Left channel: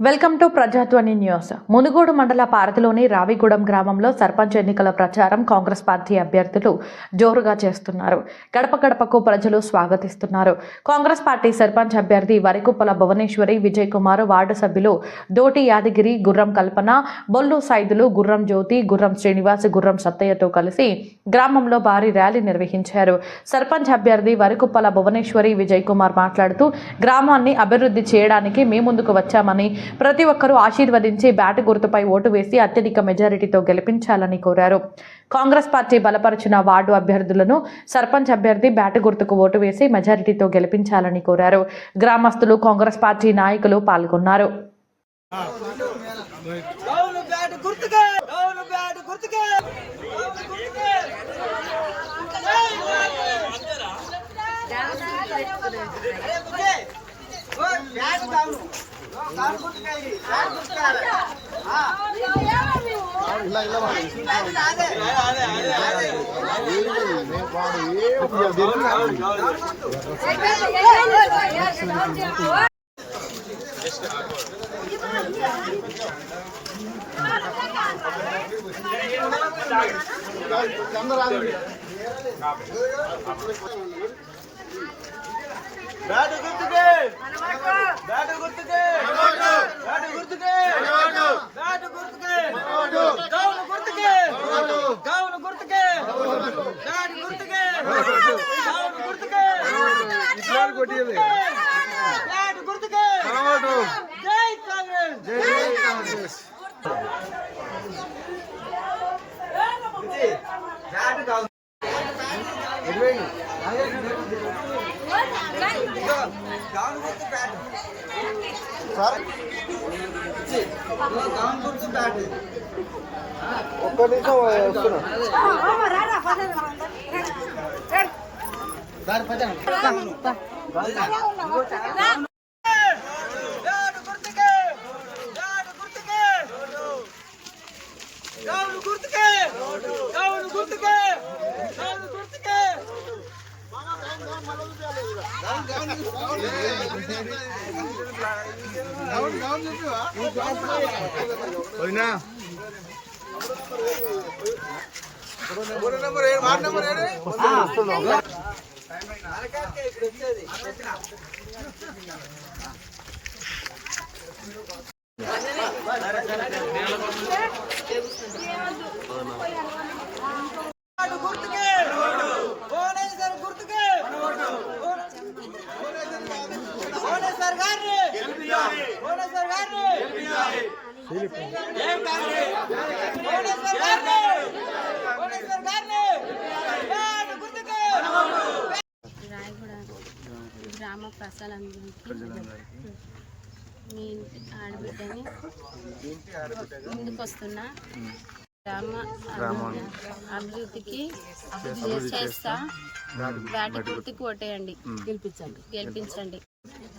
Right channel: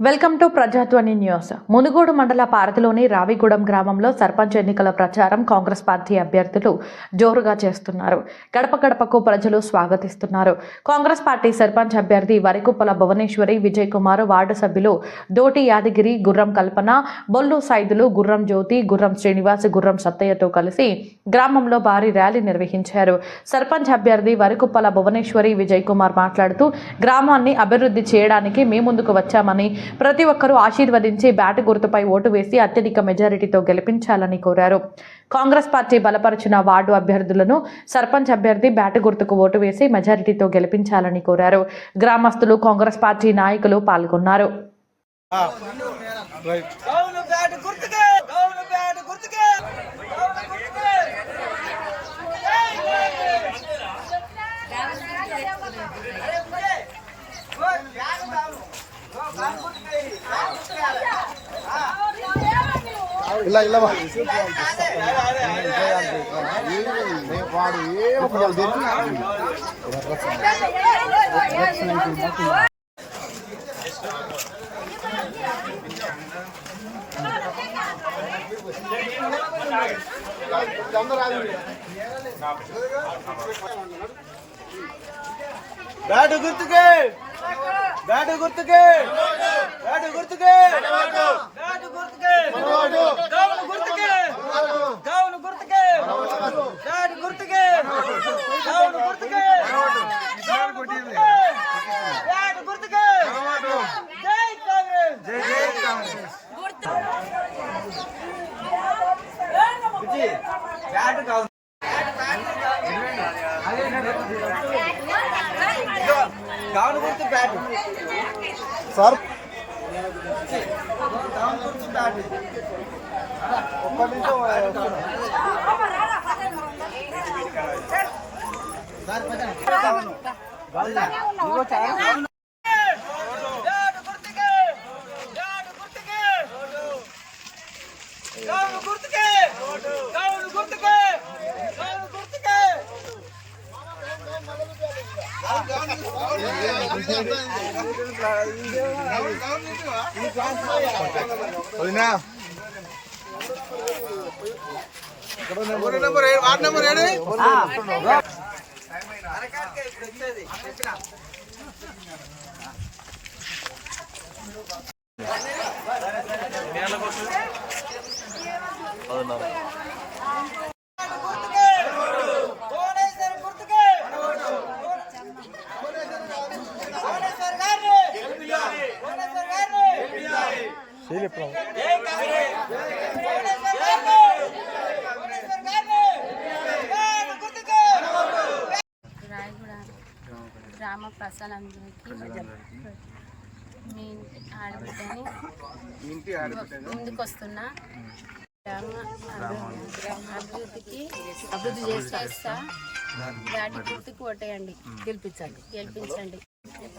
Welcome to Prajadhwani news. Munugode మండల పారతిలోని రావిగూడెం గ్రామంలో సర్పంచ్ ఎన్నికల ప్రచారం కాంగ్రెస్ పార్టీ అభ్యర్థులు జోరుగా చేస్తున్నారు. గడప గడపకు ప్రజలు స్వాగతిస్తున్నారు. కాంగ్రెస్ పార్టీ సర్పంచ్ అభ్యర్థి వరికుప్పల భువనేశ్వరి విజయ్ కుమార్ వార్డు సభ్యులు దోటి యాదగిరి గుర్రం కల్పన బొల్లు సైదులు గుర్రం జ్యోతి గుర్రం శ్రీనివాస్ గుర్రం సత్తయ్యతో కలిసి గ్రామంలో భారీ ర్యాలీ నిర్వహించారు. సర్పంచ్ అభ్యర్థి వరికుప్పల భువనేశ్వరి విజయ్ కుమార్ మాట్లాడుతూ గ్రామాన్ని అభివృద్ధి చేయడానికి మీ ముందుకు వచ్చామని ప్రతి ఒక్కరూ ఆశీర్వదించి బ్యాట్ గుర్తుపై ఓటు వేసి అత్యధిక మెజారిటీతో గెలిపించాలని కోరారు. కాంగ్రెస్ పార్టీ బలపరిచిన వార్డు అభ్యర్థులను సర్పంచ్ అభ్యర్థి బ్యాట్ గుర్తుకు ఓటు వేసి మెజారిటీతో గెలిపించాలని కోరారు. గ్రామస్తులు కాంగ్రెస్ పార్టీ నాయకులు పాల్గొన్నారు. అరే ಇಲ್ಲ ಇಲ್ಲ ಚಂದ್ರಾಗ బ్యాట్ గుర్తుకే. బ్యాట్ గుర్తుకే. బ్యాట్ గుర్తుకే. బ్యాట్ గుర్తుకే. గౌను గుర్తుకే. గౌను గుర్తుకే. బ్యాట్ గుర్తుకే. గౌను గుర్తుకే. గౌను గుర్తుకే. బ్యాట్ గుర్తుకే. జై కాంగ్రెస్. జై జై కాంగ్రెస్. బ్యాట్ గౌను ఇదిగో, గౌను బ్యాట్ సార్ దాని గురించి బ్యాట్ ఒక్క నిమిషం బ్యాట్ గుర్తుకే. గుర్తుకే. గుర్తుకే గౌను గుర్తుకే గౌను గుర్తుకే వదినా అరకాకే ఇప్పుడు వచ్చేది తెచ్చిన బ్యాట్ గుర్తుకే భువనేశ్వర్ గుర్తుకే భువనేశ్వర్ గారిని భువనేశ్వర్ గారిని జై కాంగ్రెస్ భువనేశ్వర్ గారిని భువనేశ్వర్ గారిని బ్యాట్ గుర్తుకే రాయగూడ గ్రామ ప్రజలందరికీ మీ ఇంటి ఆడబిడ్డని ముందుకు వస్తున్నా గ్రామ అభివృద్ధి అభివృద్ధికి అభివృద్ధి చేస్తా. వాటి గుర్తుకు ఓటేయండి. గెలిపించండి. గెలిపించండి.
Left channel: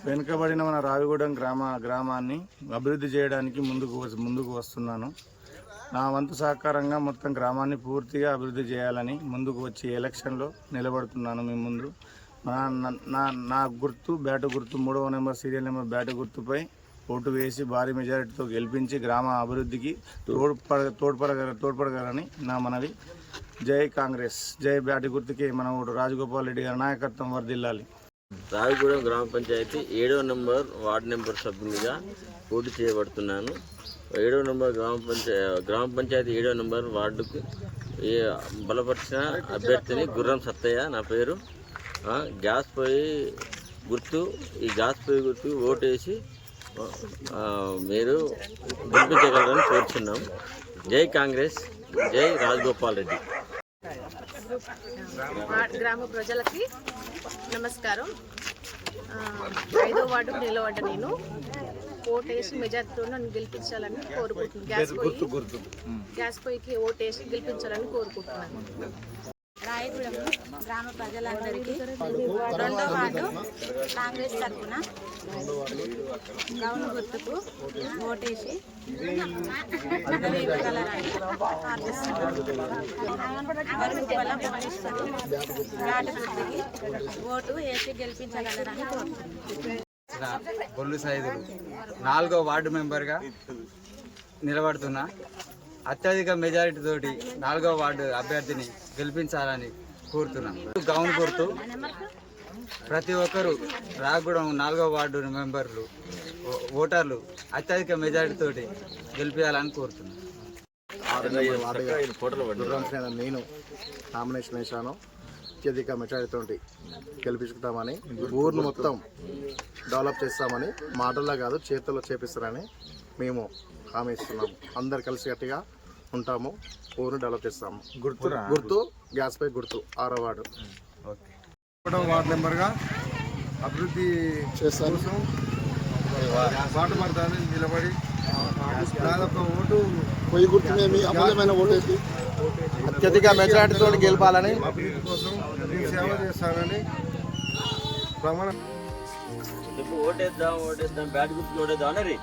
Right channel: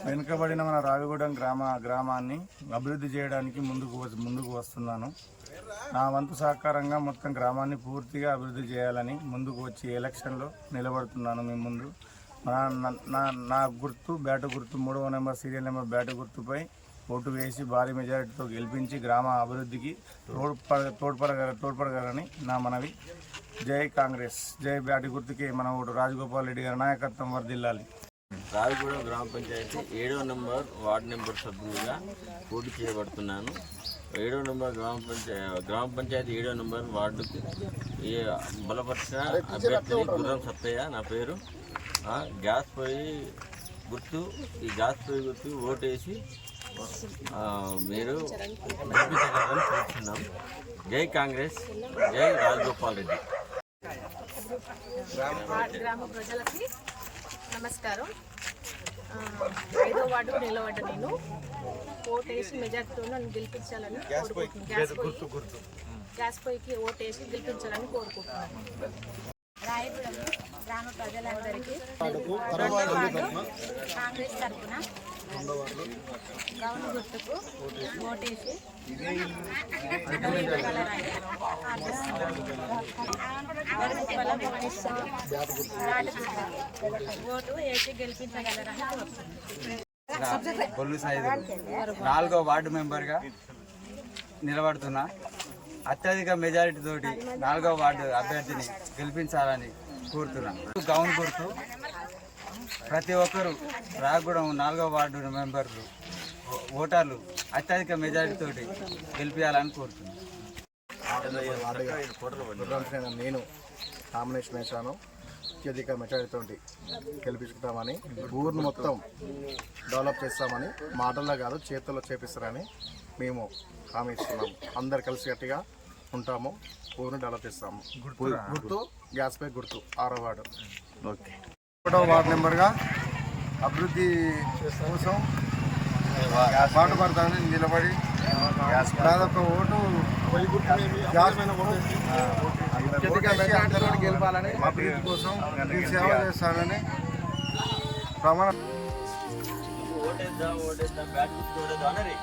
వెనుకబడిన మన రావిగూడెం గ్రామ గ్రామాన్ని అభివృద్ధి చేయడానికి ముందుకు ముందుకు వస్తున్నాను. నా వంతు సహకారంగా మొత్తం గ్రామాన్ని పూర్తిగా అభివృద్ధి చేయాలని ముందుకు వచ్చి ఎలక్షన్లో నిలబడుతున్నాను మీ ముందు. నా నా- నా గుర్తు బ్యాటు గుర్తు మూడవ నెంబర్ సీరియల్ నెంబర్ బ్యాటు గుర్తుపై ఓటు వేసి భారీ మెజారిటీతో గెలిపించి గ్రామ అభివృద్ధికి తోడ్పడ తోడ్పడగల తోడ్పడగలని నా మనవి. జై కాంగ్రెస్. జై బ్యాటి గుర్తుకి మన ఓటు. రాజగోపాల్ రెడ్డి గారి నాయకత్వం వర్దిల్లాలి రావిగూడెం గ్రామ పంచాయతీ ఏడవ నెంబర్ వార్డు నెంబర్ సభ్యునిగా పోటీ చేయబడుతున్నాను. ఏడవ నంబర్ గ్రామ పంచాయతీ గ్రామ పంచాయతీ ఏడవ నంబర్ వార్డుకు ఈ బలపరిచిన అభ్యర్థిని గుర్రం సత్తయ్య నా పేరు. గ్యాస్ పొయ్యి గుర్తు ఈ గ్యాస్ పొయ్యి గుర్తు ఓటేసి మీరు గెలిపించగలరని కోరుతున్నాం జై కాంగ్రెస్ జై రాజగోపాల్ రెడ్డి. గ్రామ ప్రజలకి నమస్కారం. ఐదో వార్డుకు నిలబడ్డ నేను. ఓటేసి మెజార్టీతో నన్ను గెలిపించాలని కోరుకుంటున్నాను. గ్యాస్ పొయ్యి గ్యాస్ పొయ్యికి ఓటేసి గెలిపించాలని కోరుకుంటున్నాను. రాయగూడెం గ్రామ ప్రజలందరికీ రెండో వార్డు కాంగ్రెస్ తరఫున గౌను గుర్తుకు ఓటేసి పదవి ఇవ్వగలరని ప్రార్థిస్తున్నాను వరకుప్పల భువనేశ్వరి గుర్తుకి ఓటు వేసి గెలిపించగలరని కోరుతున్నాను సంబంధించిన బొల్లు సైదులు నాలుగో వార్డు మెంబర్గా నిలబడుతున్నా. అత్యధిక మెజారిటీ తోటి నాలుగో వార్డు అభ్యర్థిని గెలిపించాలని కోరుతున్నాను. గౌన్ కోరుతూ ప్రతి ఒక్కరు రాగూడెం నాలుగో వార్డు మెంబర్లు ఓటర్లు అత్యధిక మెజారిటీ తోటి గెలిపించాలని కోరుతున్నాను. గుర్రం నేను నామినేషన్ వేశాను. అత్యధిక మెజారిటీతో గెలిపించుకుంటామని ఊరిని మొత్తం డెవలప్ చేస్తామని మాటల్లో కాదు చేతుల్లో చేపిస్తారని మేము హామీ ఇస్తున్నాము. అందరు కలిసి గట్టిగా ఉంటాము ఊరిని డెవలప్ చేస్తాము. గుర్తు గుర్తు గ్యాస్ పై గుర్తు ఆరో వార్డు. ఓకే. ఒకటో వార్డు నెంబర్గా అభివృద్ధి కోసం పాటుపడతానని నిలబడి దాదాపు ఓటు. అభివృద్ధి కోసం సేవ చేస్తానని ప్రమాణం. ఓటేద్దాం ఓటేద్దాం బ్యాట్ గుర్తు ఓటేద్దాం అనరి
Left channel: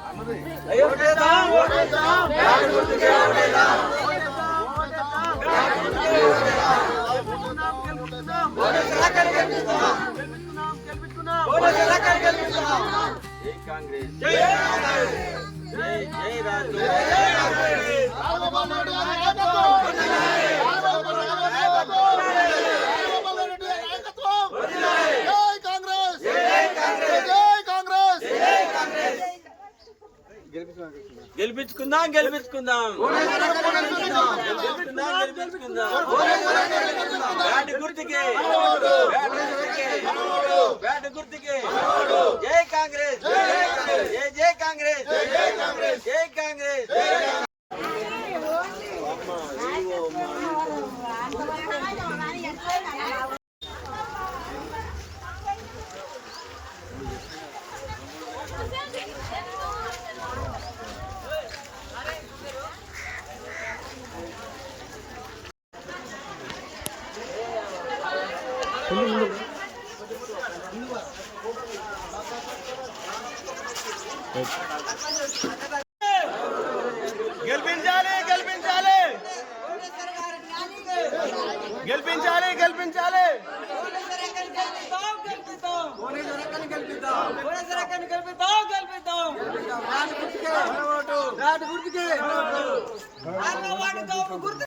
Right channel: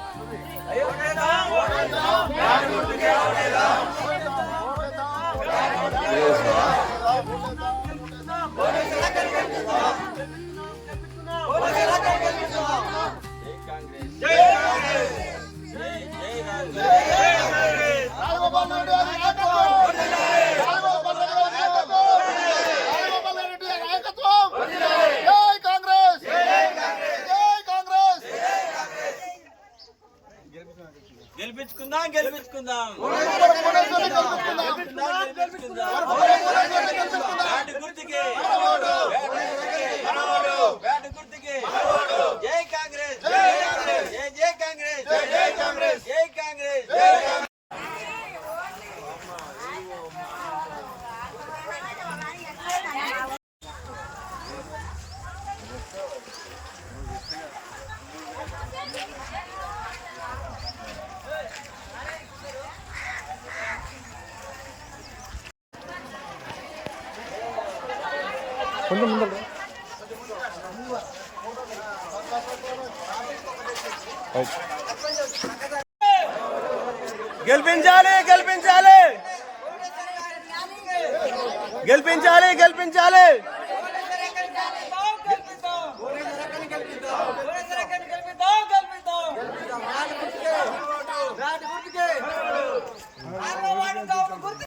గెలిపించుకుందాం గెలిపించుకుందాం. గెలిపించుకుందాం. గెలిపించుకుందాం గుర్తుకే. గెలిపించాలి గెలిపించాలి గెలిపించాలి గెలిపించాలి గుర్తుకే